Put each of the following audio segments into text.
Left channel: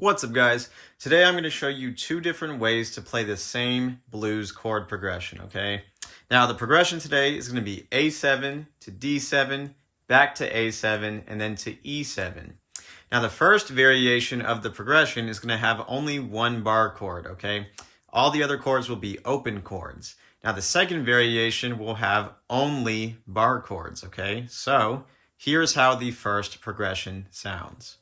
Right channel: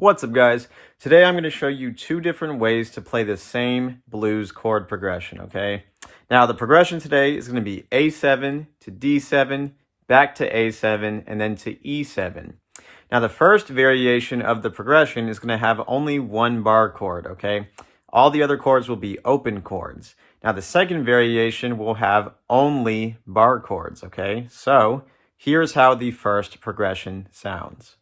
What's up, guys? Today I'm going to show you two different ways to play the same blues chord progression, okay? Now the progression today is going to be A7 to D7, back to A7, and then to E7. Now the first variation of the progression is going to have only one bar chord, okay? All the other chords will be open chords. Now the second variation will have only bar chords, okay? So here's how the first progression sounds.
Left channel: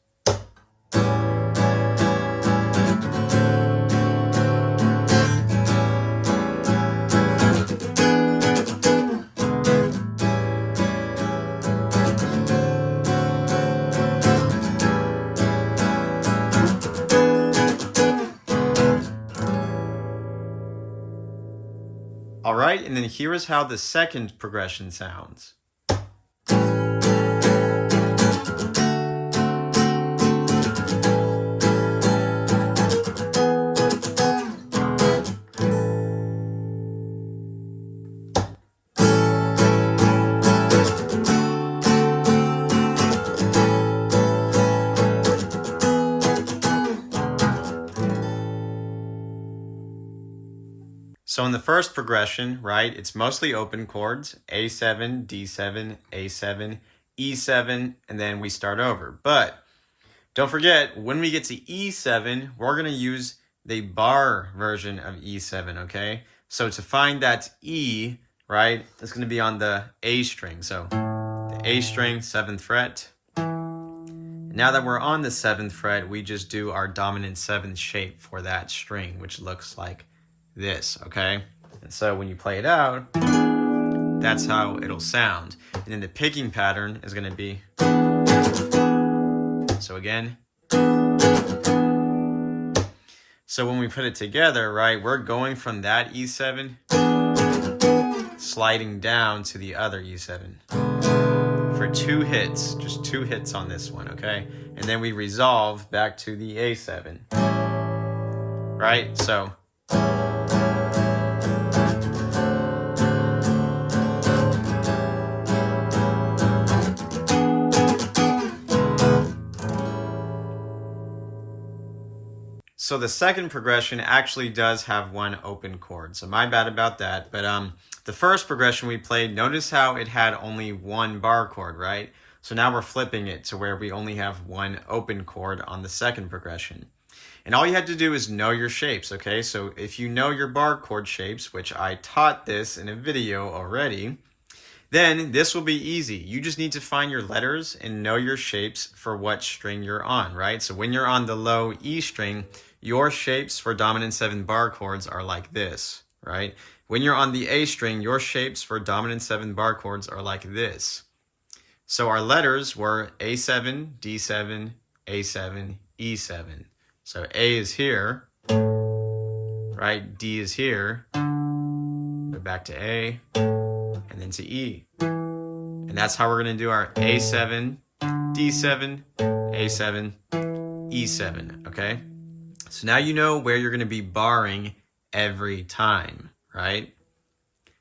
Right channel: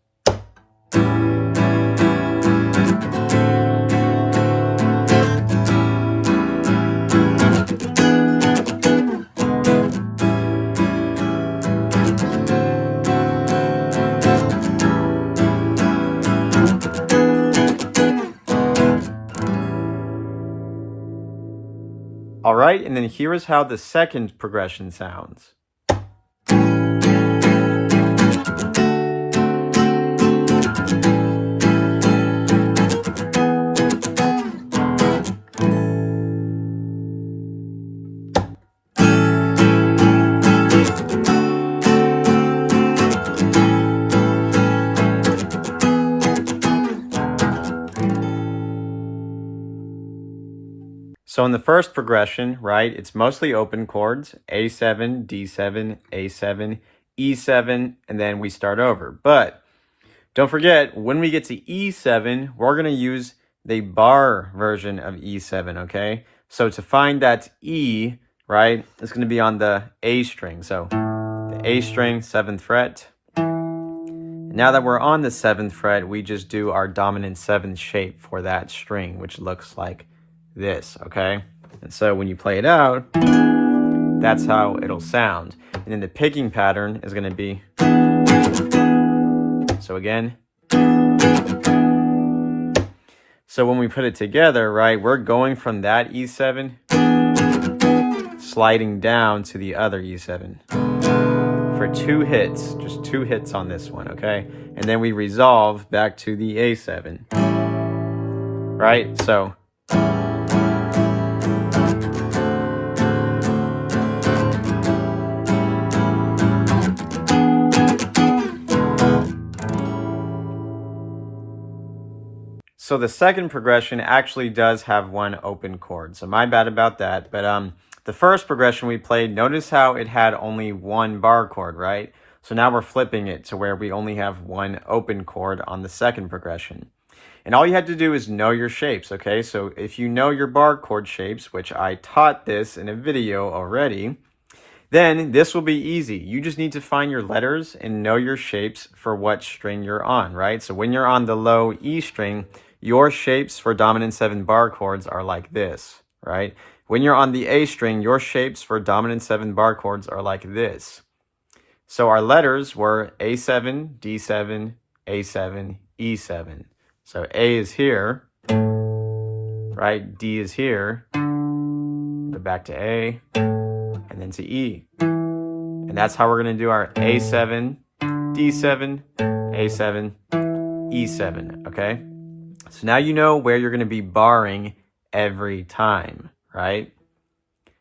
All right, and then here is how the second progression sounds. So in the first progression, right, it's mostly open chords, A7, D7, A7, E7, and then we start over. But don't forget, when we get to E7, we're going to use the bar version of E7, okay? So to find that E, right, it's going to be on the A string. So the A string, 7th fret. Now that we're on the 7th fret, we just do our dominant 7th shape for that string, which looks like this, okay? And so when you play it out, that's how it'll sound. And then the picking pattern is going to be, so again. So when we put it together, right, we're going from that E7, sliding down to the other E7 for 2 hits, just 2 hits on this one, okay? And then we resolve back to the A7, right? So the second progression actually does have one open chord, so my bad about that. But the first progression we played, notice how it had only one bar chord, right? So now we're flipping it to where we only have one open chord on the second progression. And all you have to do is know your shapes, okay? So if you know your bar chord shapes, which I taught this in a video already, then this will be easy. You just need to find your letters and know your shapes for what string you're on, right? So when you're on the low E string, your shapes for dominant 7 bar chords are like this, right? When you're on the A string, your shapes for dominant 7 bar chords are like this. So our letters were A7, D7, A7, E7. So A is here, right? D is here, go back to A, and then to E. And that's how we're going to do our A7, D7, A7, E7, okay? So now you know where you're going to be barring every time, right?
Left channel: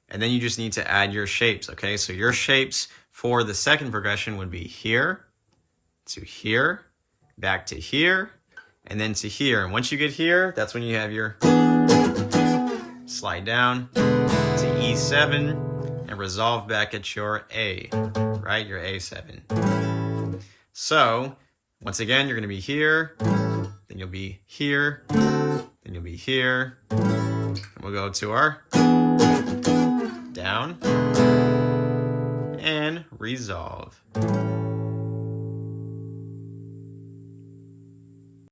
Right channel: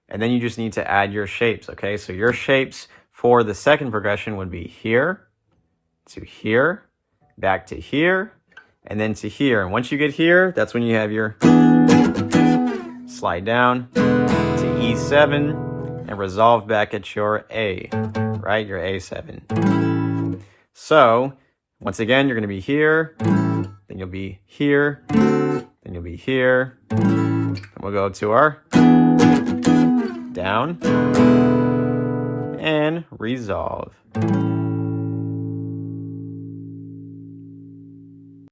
And then you just need to add your shapes, okay? So your shapes for the second progression would be here, to here, back to here, and then to here. And once you get here, that's when you have your slide down to E7 and resolve back at your A, right? Your A7. So once again, you're going to be here, then you'll be here, then you'll be here, and we'll go to our down and resolve.